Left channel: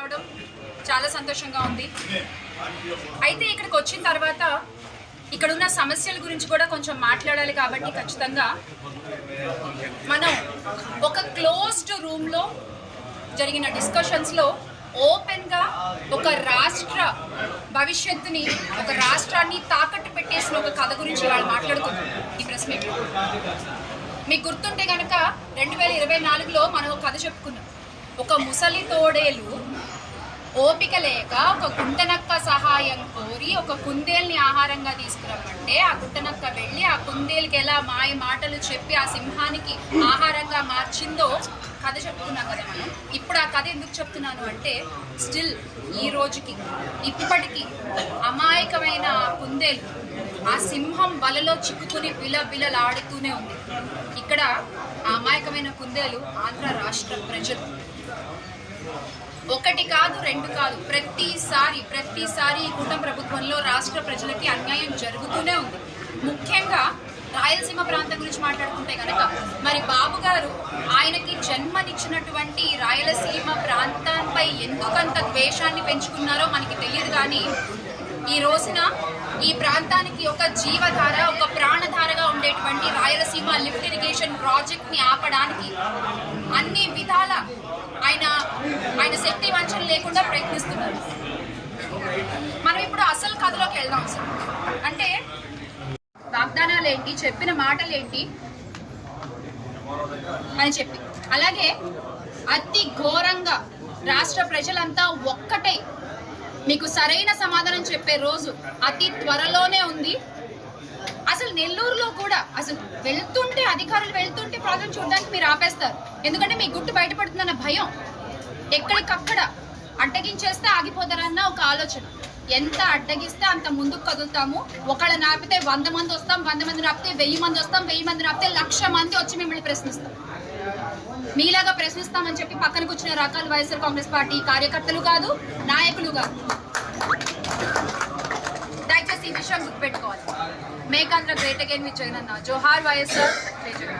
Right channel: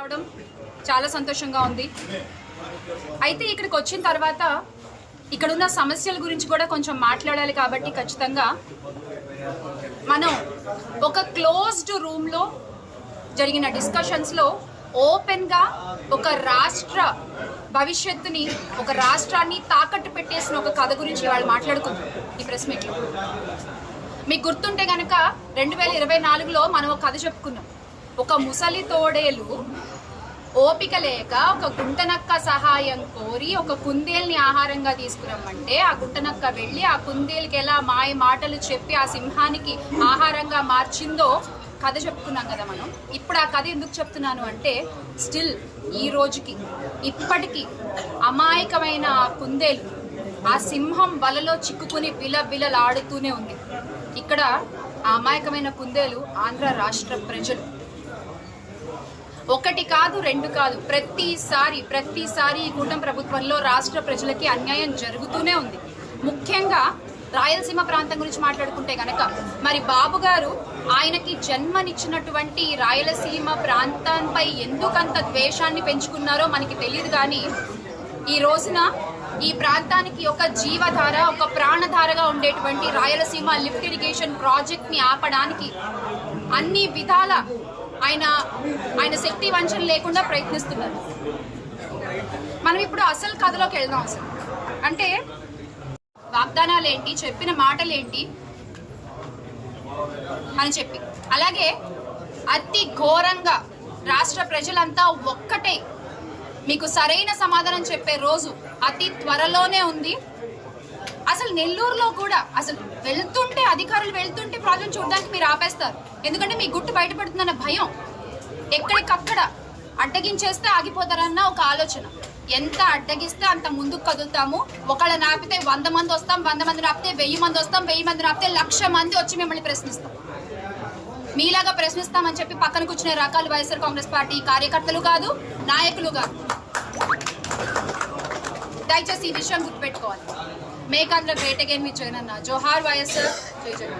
రావడం చాలా సంతోషంగా ఉంది. అయితే ఇక్కడికి వచ్చిన తర్వాత ఇక్కడున్న సమస్యల గురించి కూడా కొంచెం మాట్లాడాలి కాబట్టి ఖచ్చితంగా మనం ఒక క్లోజ్డ్ రూమ్లో జరిగిన డిస్కషన్స్లో ఓపెన్గా ఒక రాష్ట్ర భవిష్యత్తుని, ఒక రాష్ట్రాన్ని తాకట్టు పెట్టేసిన ఒక కథ గురించి వాళ్ళు మాట్లాడుకుంటాం ఈ ప్రెస్ మీట్లో. మీకు గుర్తుంటే కనుక 2024లో మనం ఒక కథ చెప్పుకున్నాం. ఒక ముసలి తోడేలు ఓపిక లేక ఒక గుంటనక్క సహాయం కోరి ఒక కుందేల్ని ఆహారంగా తీసుకురమ్మంటే ఆ గుంటనక్క వెళ్ళి ఆ కుందేలుకి ఎలా మాయ మాటలు చెప్పి ఆ సింహానికి ఆహారంగా మార్చిందో కథ చెప్పుకున్నాం కదా మనం. ఇప్పుడు ఆ కథ ఎందుకు చెప్తున్నాను అంటే, స్టిల్ ఈ రోజుకి ఇప్పటికీ అమాయకమైన ఆ కుందేలు ఆ సింహం వలలో చిక్కుకుని బిలబిలలాడుతూనే ఉంది. ఇక్కడ ఆ అమాయకమైన కుందేలు ఆంధ్ర రాష్ట్ర ప్రజలు. ఒకటి కాదు, రెండు కాదు, ప్రతిసారి ఈ కూటమి ప్రభుత్వంలో రాష్ట్ర ప్రజలకి అన్యాయం జరుగుతూనే ఉంది. ముఖ్యంగా రాయలసీమ ప్రాంతం గురించి మాట్లాడుకుంటే కనుక, మరి బాబు గారు ఆయనకి జన్మనిచ్చినటువంటి రాయలసీమ ప్రాంతంపై ఎందుకంత ద్వేషాన్ని పెంచుకున్నారో మనకి తెలియదు. కానీ ఈ రోజున ఈ ప్రాంతానికి ఒక జీవధార, ఒక ప్రాణధారగా ఉండేటువంటి రాయలసీమ లిఫ్ట్ ఇరిగేషన్ ప్రాజెక్ట్ ని ఆపడానికి అన్ని విధాల ఆయన శక్తి వంచన లేకుండా ప్రయత్నిస్తున్నారు. మనం ఇప్పుడు అసలు కథలోకి వెళ్దాం. అసలు అంటే వాగ్దానాలు ఏంటి, చెప్పిన మాటలు ఏంటి అని చెప్పి, అలాగే అతి ఘోరంగా రాష్ట్ర ప్రజలంతా ఒక్కటే మీకు సరైన సమాధానం చెప్పే రోజు అతి త్వరలోనే ఉంది. అసలు నెల్లూరులో కూడా అసలు అధికారులు వెళ్తుంటే ప్రాజెక్ట్ చూడడానికి మీరు ఆపేస్తారు. ఎందుకంటే మీ గుట్టు బయటపడుతుందన్న భయం. ఎక్కడికక్కడ అడ్డగించేస్తే ఆగిపోతారన్న ఒక ఆలోచన. ఎంత అడ్డగిస్తే అంత ముందుకు కదులుతాము. ఒకళ్ళ నాపితే 100 మంది వస్తాం, 100 మంది నాపితే 1000 మంది వస్తాం, 1000 మంది నాపితే 1,00,000 మంది వచ్చి మిమ్మల్ని ప్రశ్నిస్తాం. మీలాగా ప్రశ్నిస్తామని చెప్పి పక్కన కూర్చునే రకాలు వైఎస్ఆర్ కాంగ్రెస్ పార్టీ కార్యకర్తలు కాదు, నాయకులు కాదు. దయచేసి ఈ విషయం గుర్తుపెట్టుకోవాలి. Make Andhra great again with Jagananna. జోహార్ వైఎస్ఆర్, జై జగన్.